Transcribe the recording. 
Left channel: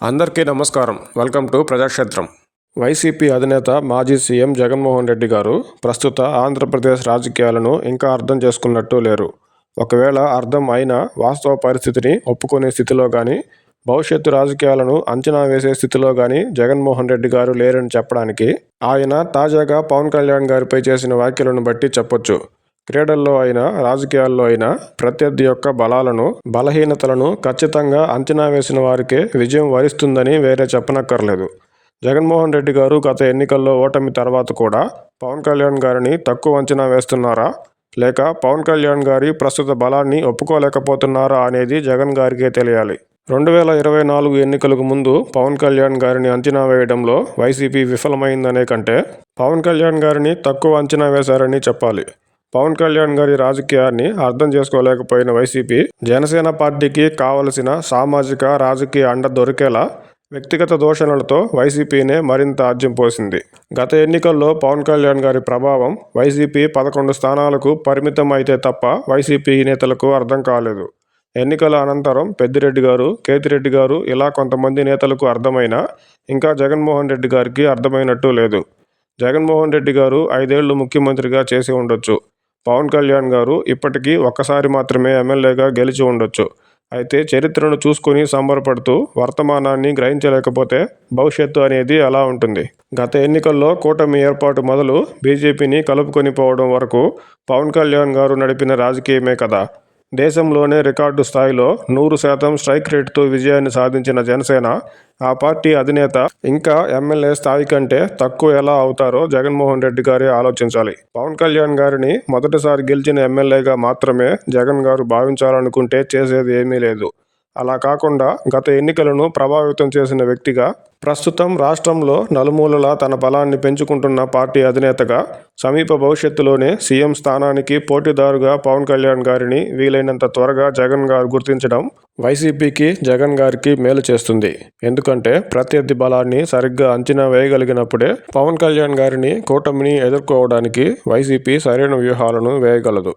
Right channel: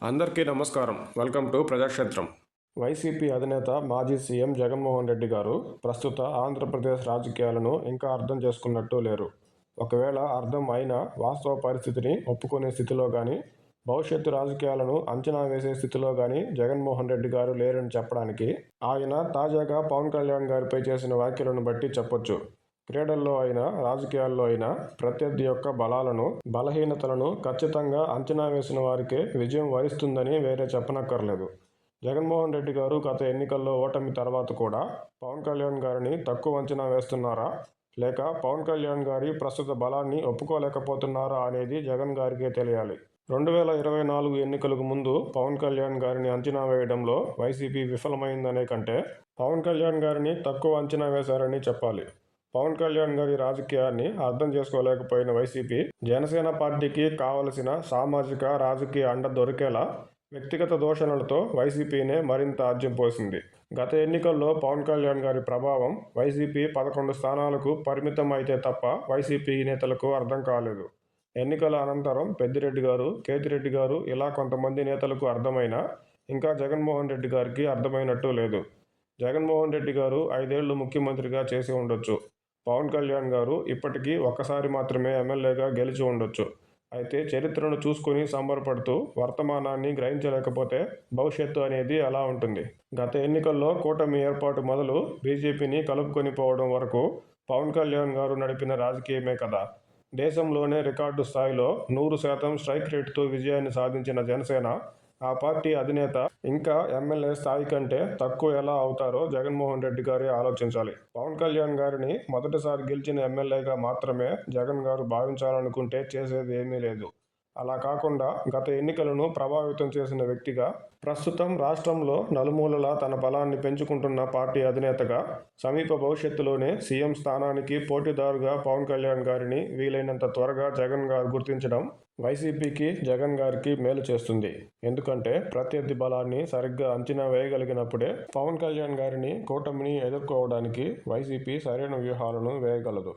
అందరికీ నమస్కారం. Welcome to ప్రజాక్షేత్రం. YCP అధినేత మాజీ సీఎం జగన్మోహన్ రెడ్డి గారు ప్రస్తుత ఆంధ్రప్రదేశ్ రాజకీయాలను ఇంకా అర్థం చేసుకున్నట్టు లేరు. ఒకవేళ అర్థం అయినా వాస్తవ పరిస్థితిని ఒప్పుకునే స్థితిలో కానీ, భవిష్యత్తు రాజకీయాలను అంచనా వేసే స్థితిలో కానీ జగన్మోహన్ రెడ్డి గారు లేరని చెప్పడానికి ఆయన తాజాగా పవన్ కళ్యాణ్ గారిపై చేసిన వ్యాఖ్యలను బట్టి చెప్పొచ్చు. క్రీడల్లో అయినా, రాజకీయాల్లో అయినా ప్రత్యర్థి యొక్క బలాలను, బలహీనతలను ఖచ్చితంగా అంచనా వేసిన వారికే విజయం వరిస్తుందని వేరే చెప్పనక్కర్లేదు. జగన్మోహన్ రెడ్డి గారు గత ఎన్నికల్లో ఓటమి తర్వాత కూడా పవన్ కళ్యాణ్ గారిని తక్కువ అంచనా వేస్తున్నారా, లేక పవన్ కళ్యాణ్ గారి ప్రస్తుత బలాన్ని ఒప్పుకోలేకపోతున్నారా అనేది జగన్ గారికే తెలియాలి. 2024 ఎన్నికలకు ముందు పవన్ కళ్యాణ్ గారిని అంచనా వేయడంలో వైసీపీ విఫలమైందనే కంటే పవన్ కళ్యాణ్ గారిని తక్కువ అంచనా వేశారని చెప్పాలి. పవన్ కళ్యాణ్ గారి రాజకీయాన్ని అర్థం చేసుకోలేకపోయిన వైసీపీ, జనసేన పార్టీకి కావలసిన సామాజిక, రాజకీయ అండ దొరికేలా వ్యక్తిగత దూషణలతో వైసీపీనే మరింత ఆజ్యం పోసింది. గత ఎన్నికల్లో పవన్ కళ్యాణ్ గారి ప్రభావం వైసీపీ 11 స్థానాలకు పరిమితం అయితే తప్ప వైసీపీ నేతలకు అర్థం కాలేదు. ఎన్నికల అనంతరం పెద్దిరెడ్డి గారు, కేతిరెడ్డి గారు ఇలా కొంతమంది నేతలకు అర్థమైనా ఇంకా జగన్మోహన్ రెడ్డి గారికి అర్థమైనట్టు లేదు. జగన్మోహన్ రెడ్డి గారు 5 ఏళ్లు ముఖ్యమంత్రిగా చేసి ఉండొచ్చు. పవన్ కళ్యాణ్ గారు ఇప్పటికీ ఒక్కసారి మాత్రమే ఎమ్మెల్యేగా గెలిచి ఉండొచ్చు. అయితే చరిత్రను చూసుకుని సంబరపడుతూ వర్తమానాన్ని గ్రహించలేకపోతే భవిష్యత్తు అనేది ఎలా ఉంటుంది? గత ఎన్నికల్లో కూటమి ఏర్పాటు మొదలు బీజేపీని కలుపుకొని పోవడం వరకు పవన్ కళ్యాణ్ గారు నడిపిన రాజకీయమే కదా. దేశంలోనే రికార్డు స్థాయిలో 100% స్ట్రైక్ రేటుతో విజయాన్ని సాధించిన జనసేన, ఆ పార్టీ అధినేత ఇంకా ఎమ్మెల్యే స్థాయి కంటే తక్కువ ఎలా అవుతారో జగన్మోహన్ రెడ్డి గారే ఆలోచించాలి. పవన్ కళ్యాణ్ గారిని మొదటిసారి గెలిచిన ఎమ్మెల్యేగా మాత్రమే జగన్ గారు భావించాలనుకుంటే చేసేది ఏమీ లేదు. అలా కాకుండా గత ఎన్నికలను ప్రభావితం చేసిన వ్యక్తిగా, ప్రస్తుతం రాష్ట్రంలో నలుమూలలా తన బలాన్ని పెంచుకుంటున్న పార్టీ అధినేతగా, సమీప భవిష్యత్తులోనే సీఎం స్థానానికి పోటీదారుగా పవన్ కళ్యాణ్ గారిని వీలైనంత త్వరగా జగన్ గారు గుర్తించడం వైసీపీకి, జగన్ గారికి మేలు చేస్తుంది. ఎందుకంటే ప్రత్యర్థి బలాన్ని సరిగ్గా అంచనా వేయగలిగినప్పుడే పవన్ కళ్యాణ్ గారిని, కూటమిని ఎదుర్కోవడానికి వైసీపీ సరైన వ్యూహాలను వేయగలదు.